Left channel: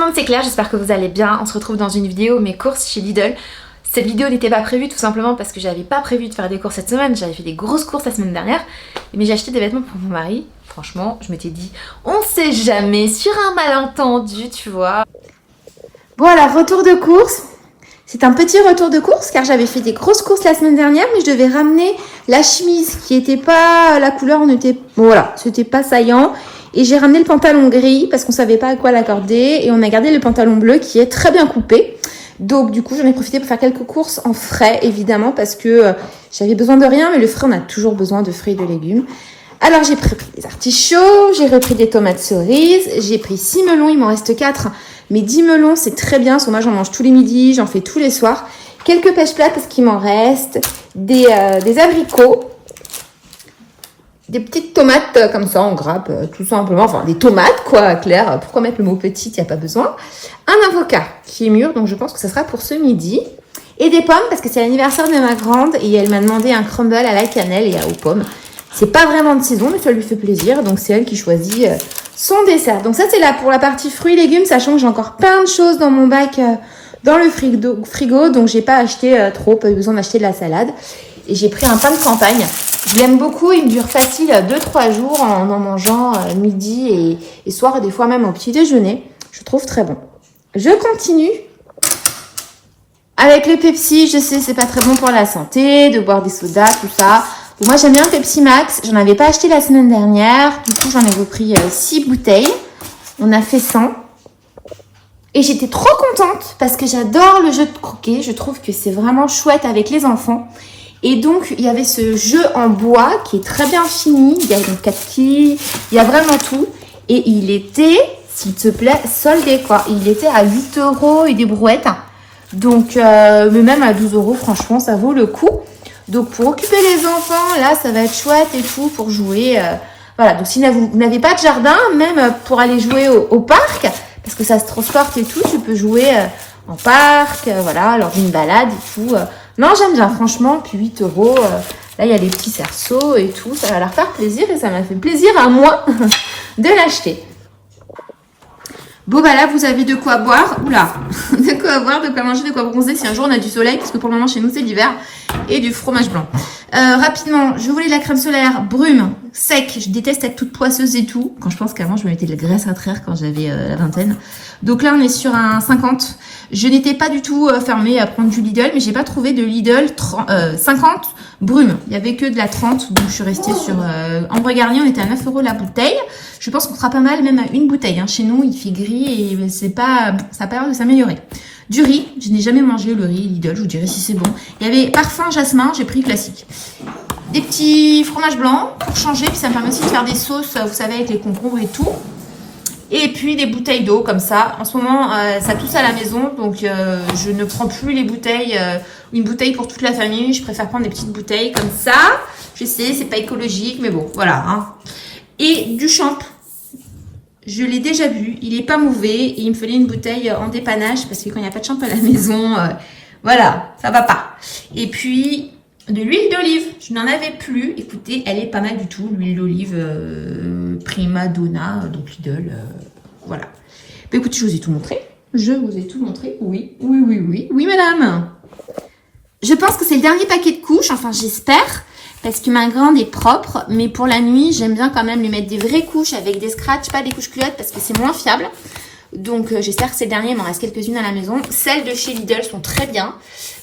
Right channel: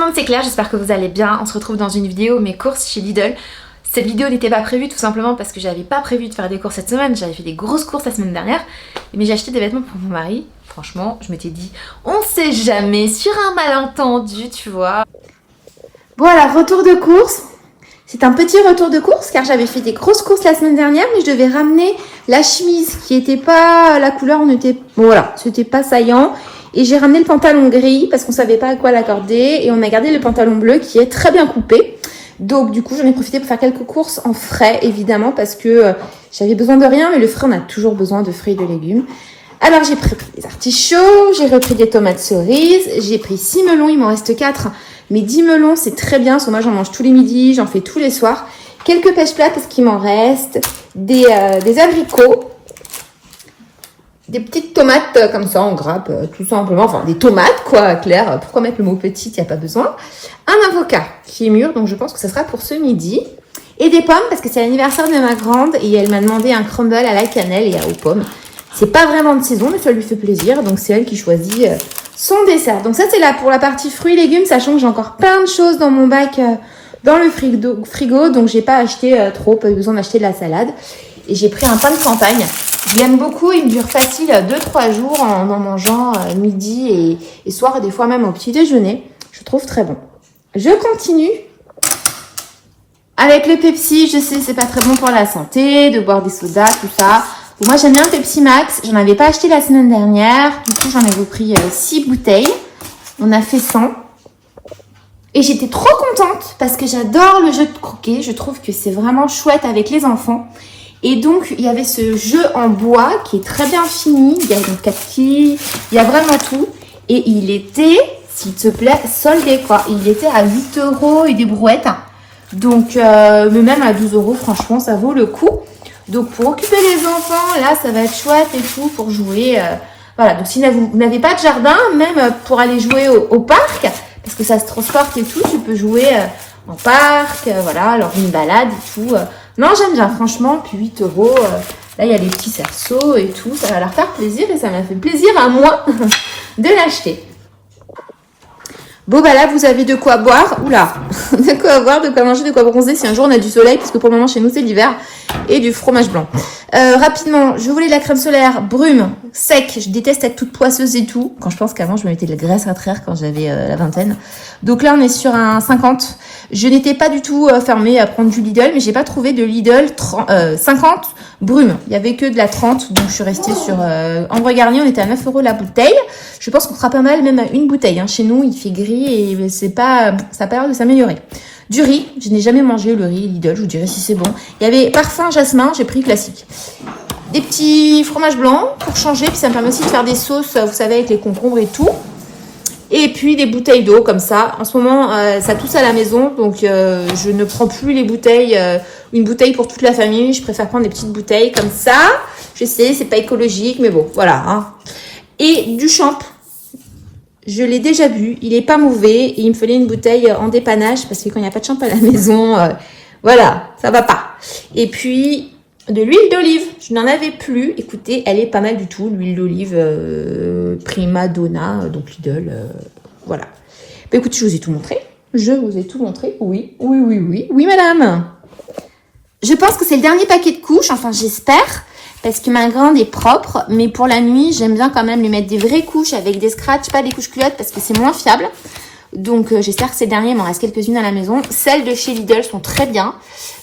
le monde, c'est Claire, j'espère que vous allez bien. On se retrouve dans une vidéo mes courses chez Lidl. Cette vidéo n'était pas prévue tout simplement parce que j'avais pas prévu de faire des courses cette semaine. J'avais fait des grosses courses la semaine dernière, mais j'ai acheté des vêtements pour mon mari. Franchement, je m'étais dit, on sait jamais, sur un malentendu, tu vois. Voilà, retour de course. C'est un petit retour de course car j'avais fait des grosses courses la semaine dernière, mais je devais ramener la chemise qui était pas, la couleur n'était, voilà, c'était pas saillant. Et j'ai ramené le pantalon gris parce qu'on savait pas à quoi l'accorder et on a gardé le pantalon bleu qui est très bien coupé. Donc du coup j'en ai profité pour faire quelques courses en frais évidemment parce que j'avais besoin de rien, mais le frais on a toujours besoin de fruits et de légumes. Alors j'ai pris des artichauts, j'ai repris des tomates cerises, j'ai pris 6 melons, il m'en reste 4. Mais 10 melons c'est très bien, parce que moi j'en mange tous les midis, j'en fais tous les soirs. Quelques pêches plats parce qu'il m'en reste, des abricots. Des petites tomates comme ça en grappe, tout simplement, enfin des tomates quoi, Claire, pourquoi mettre le mot petite, il n'y a pas besoin. Un avocat qui est mûr, donc je pense que ça sera pour ce midi. Et des pommes, parce que c'est l'anniversaire de ma grande, et elle m'a demandé un crumble à la cannelle et aux pommes. C'est pas vraiment de saison, mais ça lui fait plaisir, donc c'est elle qui choisit son dessert. Donc ça c'est là pour la partie fruits et légumes, sachant que j'ai encore plein de choses dans mon bac, dans le frigo, donc j'ai pas acheté trop, pas besoin d'acheter de la salade. Et j'ai pris un pain de campagne. Je l'aime beaucoup, il me dure facile 2-3 jours en mangeant midi et soir, et des fois même au petit déjeuner. Je trouve très bon. Je continue avec le Pepsi. Je sais que c'est pas très bon pour la santé, de boire des sodas, tout ça. Et moi j'aime bien le Pepsi Max. Je n'en avais pas acheté la semaine dernière. Du coup j'en avais pris 6 bouteilles. On a fait 100. Et j'étais trop contente parce que j'adore le jeu de croquet. Je trouve que c'est vraiment chouette avec les enfants. Et donc, il y avait ce jeu en bois qui est très bien fini. Il y a donc 4 quilles, il y a vraiment tout. Et il était, s'il te plaît, soldé quoi. Il était à 8 € et des brouettes. Donc, mais même à 12 €, franchement, ça vaut le coup. Donc, pour occuper les enfants, là, ça va être chouette et tout pour jouer. Voilà, donc si vous n'avez pas de jardin, même pour aller jouer au parc, parce que ça se transporte et tout, tu peux jouer en parc, voilà, lors d'une balade et tout. Non, j'aime bien, franchement, puis 8 €, là, il y a les petits cerceaux et tout, ça va leur faire plaisir et ça m'a fait plaisir à moi de l'acheter. Bon, bah là, vous avez de quoi boire, oula, de quoi boire, de quoi manger, de quoi bronzer si un jour on a du soleil, parce que pour le moment, chez nous, c'est l'hiver, et du fromage blanc. Rapidement, je voulais de la crème solaire brume, sec, je déteste être toute poisseuse et tout, quand je pense qu'avant, je me mettais de la graisse à traire quand j'avais la vingtaine. Donc là, on est sur un 50. Je n'étais pas du tout fermée à prendre du Lidl, mais j'ai pas trouvé de Lidl 50 brume. Il y avait que de la 30, donc je suis restée sur Ambre Garnier, on était à 9 € la bouteille. Je pense qu'on fera pas mal, même à une bouteille. Hein. Chez nous, il fait gris et c'est pas, ça a pas l'air de s'améliorer. Du riz, je n'ai jamais mangé le riz Lidl, je vous dirai si c'est bon. Il y avait parfum jasmin, j'ai pris classique. Des petits fromages blancs pour changer, puis ça me permet aussi de faire des sauces, vous savez, avec les concombres et tout. Et puis des bouteilles d'eau comme ça. En ce moment, ça pousse à la maison, donc je ne prends plus les bouteilles, une bouteille pour toute la famille. Je préfère prendre des petites bouteilles comme ça. Je sais, c'est pas écologique, mais bon, voilà. Hein. Et du champ. Je l'ai déjà bu, il est pas mauvais et il me fallait une bouteille en dépannage parce que quand il n'y a pas de champ à la maison, voilà, ça va pas. Et puis de l'huile d'olive, je n'en avais plus. Écoutez, elle est pas mal du tout, l'huile d'olive Prima Donna, donc Lidl, voilà. Bah écoutez, je vous ai tout montré. Je vous ai tout montré, oui, oui madame. Je pense que c'est le dernier paquet de couches, enfin j'espère. Parce que ma grande est propre, mais pour la nuit, j'aime bien quand même lui mettre des vraies couches avec des scratchs, pas des couches culottes parce que c'est moins fiable. Donc j'espère que ces derniers, il m'en reste quelques-unes à la maison. Celles de chez Lidl sont très bien.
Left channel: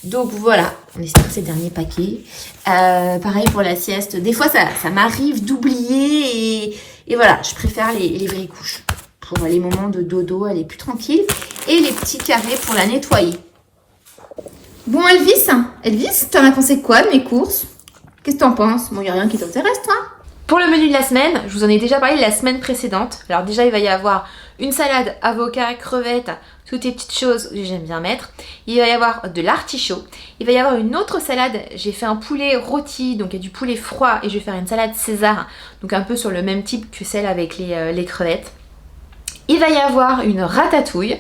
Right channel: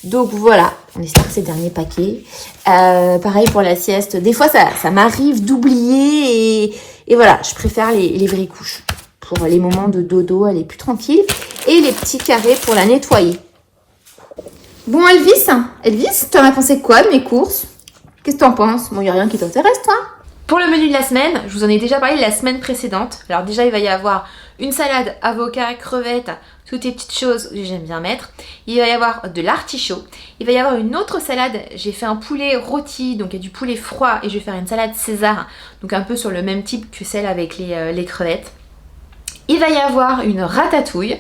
Donc voilà, on espère que c'est le dernier paquet. Pareil pour la sieste. Des fois, ça m'arrive d'oublier et voilà, je préfère les vraies couches. Pour les moments de dodo, elle est plus tranquille. Et les petits carrés pour la nettoyer. Bon Elvis, tu en as pensé quoi de mes courses ? Qu'est-ce que tu en penses? Bon, il n'y a rien qui t'intéresse, toi? Pour le menu de la semaine, je vous en ai déjà parlé la semaine précédente. Alors déjà, il va y avoir une salade, avocat, crevettes, toutes les petites choses que j'aime bien mettre. Il va y avoir de l'artichaut. Il va y avoir une autre salade. J'ai fait un poulet rôti, donc il y a du poulet froid et je vais faire une salade César, donc un peu sur le même type que celle avec les crevettes. Il va y avoir une ratatouille.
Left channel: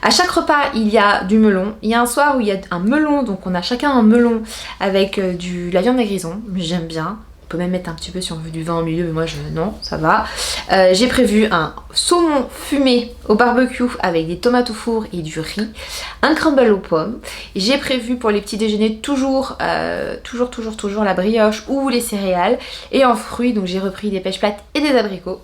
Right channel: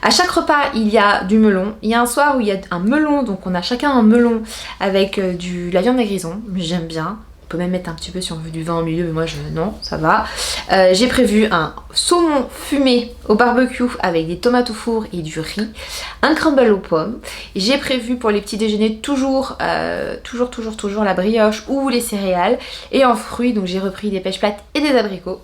À chaque repas, il y a du melon. Il y a un soir où il y a un melon, donc on a chacun un melon avec de la viande à grison. J'aime bien. On peut même mettre un petit peu si on veut du vin au milieu, mais moi non, ça va. J'ai prévu un saumon fumé au barbecue avec des tomates au four et du riz, un crumble aux pommes. J'ai prévu pour les petits déjeuners toujours la brioche ou les céréales. Et en fruits, donc j'ai repris des pêches plates et des abricots.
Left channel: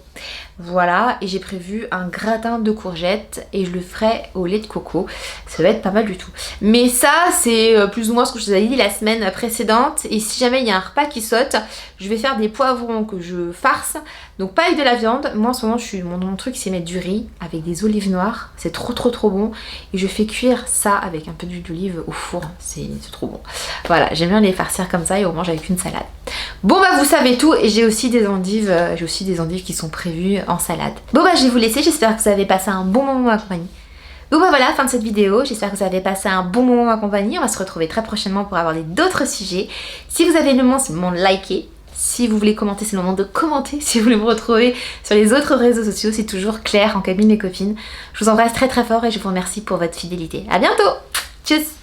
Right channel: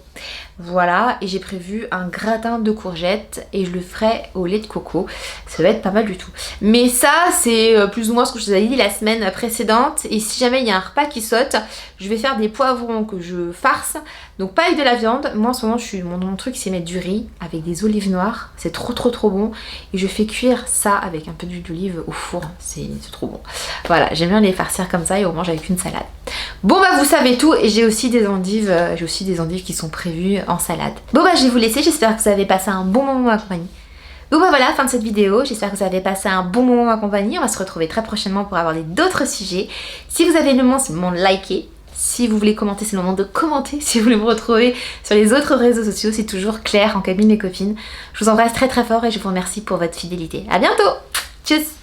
Voilà, et j'ai prévu un gratin de courgettes et je le ferai au lait de coco. Ça va être pas mal du tout. Mais ça, c'est plus ou moins ce que je vous avais dit la semaine précédente. Et si jamais il y a un repas qui saute, je vais faire des poivrons que je farce. Donc pas avec de la viande. Moi en ce moment, mon truc c'est mettre du riz avec des olives noires. C'est trop bon. Et je fais cuire ça avec un peu d'huile d'olive au four. C'est trop bon. Voilà, j'aime bien les farcir comme ça et on mange avec une salade. Bon bah vous savez tout et j'ai aussi des endives qui sont prévues en salade. Bon bah je vais vous laisser, j'espère que vous avez passé un bon moment en compagnie. Donc bah voilà, fin de cette vidéo, j'espère que vous avez passé un bon moment en compagnie. On va se retrouver très prochainement pour aborder d'autres sujets. Si vous avez le moment, c'est le moment de liker. Si vous voulez commenter, c'est le moment de commenter. Si vous voulez me retrouver sur les autres réseaux sociaux, c'est toujours Claire en cabine mes copines. Je vous embrasse très fort et je vous remercie pour votre fidélité. À bientôt. Tchuss.